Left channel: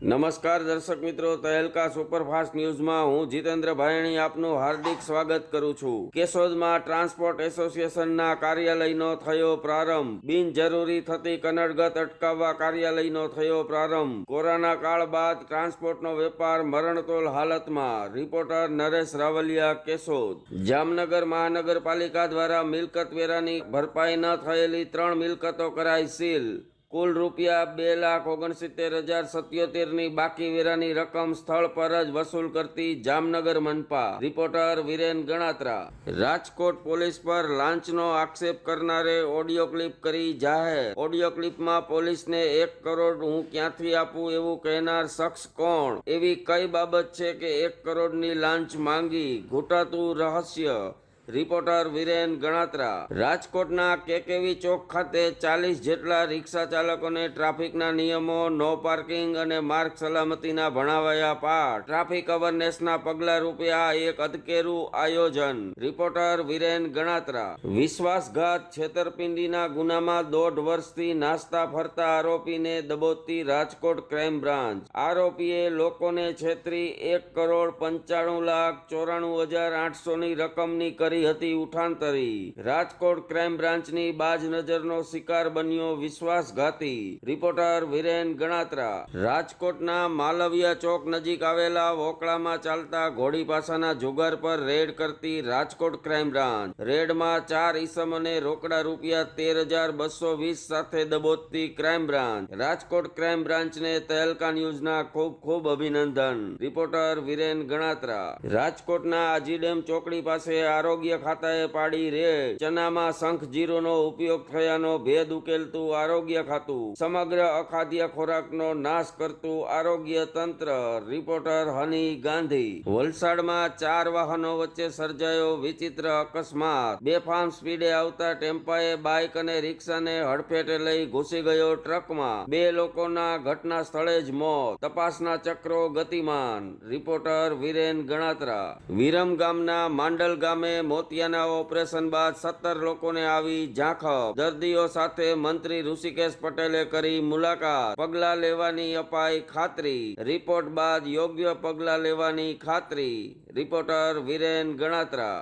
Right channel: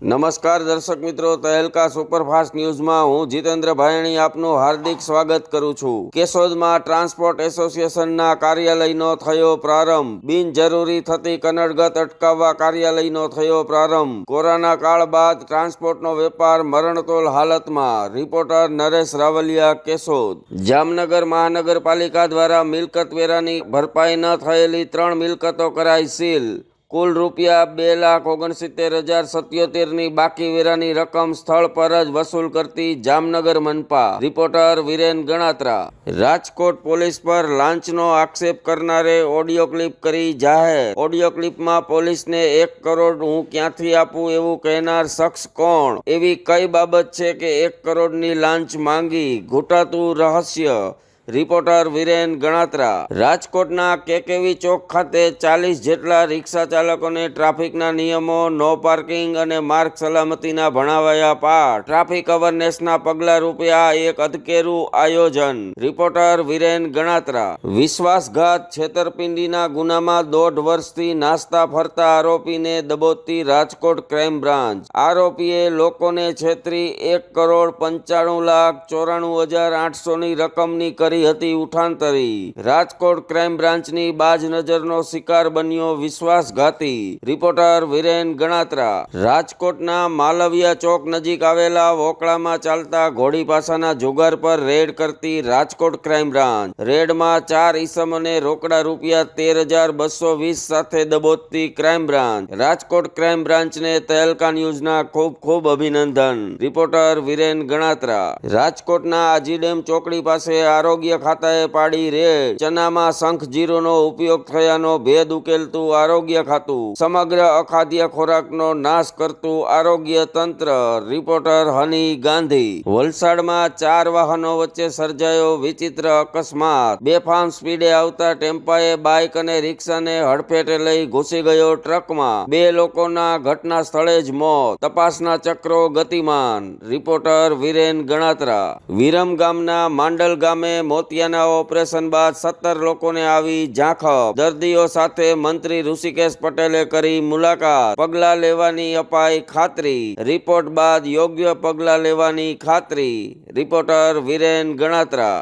નમસ્કાર દર્શક મિત્રો, તહેલકા સુપરફાસ્ટ ન્યૂઝમાં હું જીતેન્દ્ર ભાયણી આપનું હાર્દિક સ્વાગત કરું છું। કેશોદમાં ટ્રાન્સપોર્ટ એસોસિએશનના કાર્યાલયનો થયો પ્રારંભ। બિનજરૂરી થતી કનડગત અટકાવવા કાર્યાલયનો થયો પ્રારંભ। કોરોના કાળ બાદ ટ્રાન્સપોર્ટનો વેપાર મરણતોલ હાલતમાં। રિપોર્ટર નરેશ રાવલિયા, કેશોદ। જામનગર મહાનગરપાલિકા દ્વારા મિલકત વેરાની ભરપાઈ ન થયેલી 3 મિલકતો કરાઈ સીલ। કુલ રૂપિયા 2,69,077ની બાકી વેરાની રકમ સ્થળ પર જ વસૂલ કરતી જામનગર મનપા। રિપોર્ટર વિરેન ગણાત્રા। રાજકોટ પોલીસ પર લાંચનો આક્ષેપ કરનારે ઓડિયો ક્લિપ કરી જાહેર। ઓડિયો ક્લિપમાં પોલીસને 1 કરોડ હું ક્યાંથી આપું એવું કહેનાર શખ્સ કોણ? એવી કઈ બાબત છે કે 1 કરોડની લાંચ માંગી? ઘૂંટાતું રહસ્ય। રિપોર્ટર વિરેન ગણાત્રા। રાજકોટના કેકેવી ચોક ખાતે 40 જેટલા રિક્ષા ચાલકોને ટ્રાફિકના નિયમો, નો પાર્કિંગ અને માર્ગ સલામતીના ભણાવાયા પાઠ। ટ્રાફિક અવેરનેસના પગલા રૂપે આ એક અધકેરું આયોજન। રિપોર્ટર વિરેન ગણાત્રા। વિશ્વાસઘાત છેતરપિંડીના ગુનામાં 1.5 વર્ષથી નાસ્તા ફરતા આરોપીને દબોચતી રાજકોટ ક્રાઇમ બ્રાન્ચ। આરોપીએ લોકોને છેતરી 1,95,94,800ની રકમની કરી હતી ઉઠાંતરી। રાજકોટ ક્રાઇમ બ્રાન્ચની બાજ નજરનો શિકાર બન્યો વિશ્વાસઘાતી। રિપોર્ટર વિરેન ગણાત્રા। રાજકોટના માલવિયા ચોક નજીક આવેલા વોકળામાં ચાલતા ઘોડી પાસાના જુગાર પર રેડ કરતી રાજકોટ ક્રાઇમ બ્રાન્ચ। રેડમાં 4 ઈસમને રોકડા રૂપિયા 13,220 સાથે દબોચતી ક્રાઇમ બ્રાન્ચ। રાજકોટ ક્રાઇમ બ્રાન્ચને તહેલકા ન્યૂઝના ખૂબ અભિનંદન। રિપોર્ટર વિરેન ગણાત્રા। રાજકોટના આજીડેમ ચોકડી પાસે આરોગ્ય ખાતાએ પાડી રેડ। ચનામાં શંખ જીરુંનો ઉપયોગ થયાનો ભેદ ઉકેલતું આરોગ્ય ખાતું। સમગ્ર અખાદ્ય ખોરાકનો નાશ કરતું આરોગ્ય તંત્ર। રિપોર્ટર હની ગાંધી। વલસાડમાં 4 વાહનો વચ્ચે સર્જાયો વિચિત્ર અકસ્માત। બેફામ સ્પીડે આવતા ટેમ્પાએ બાઇક અને રિક્ષાને હડફેટે લઈ ઘૂસી ગયો ટ્રકમાં। 2 લોકોના ઘટના સ્થળે જ મોત। તપાસના ચક્રો ગતિમાન। રિપોર્ટર વિરેન ગણાત્રા। વિરમગામના માંડલ ગામે મોતિયાના ઓપરેશન બાદ 17 લોકોને આવી ઝાંખપ। દર્દીઓ સાથે મંત્રી ઋષિકેશ પટેલે કરી મુલાકાત। પગલાં લેવાની અપાઈ ખાતરી। રિપોર્ટ બાદ યોગ્ય પગલાં લેવાની ખાતરી। રિપોર્ટર વિરેન ગણાત્રા।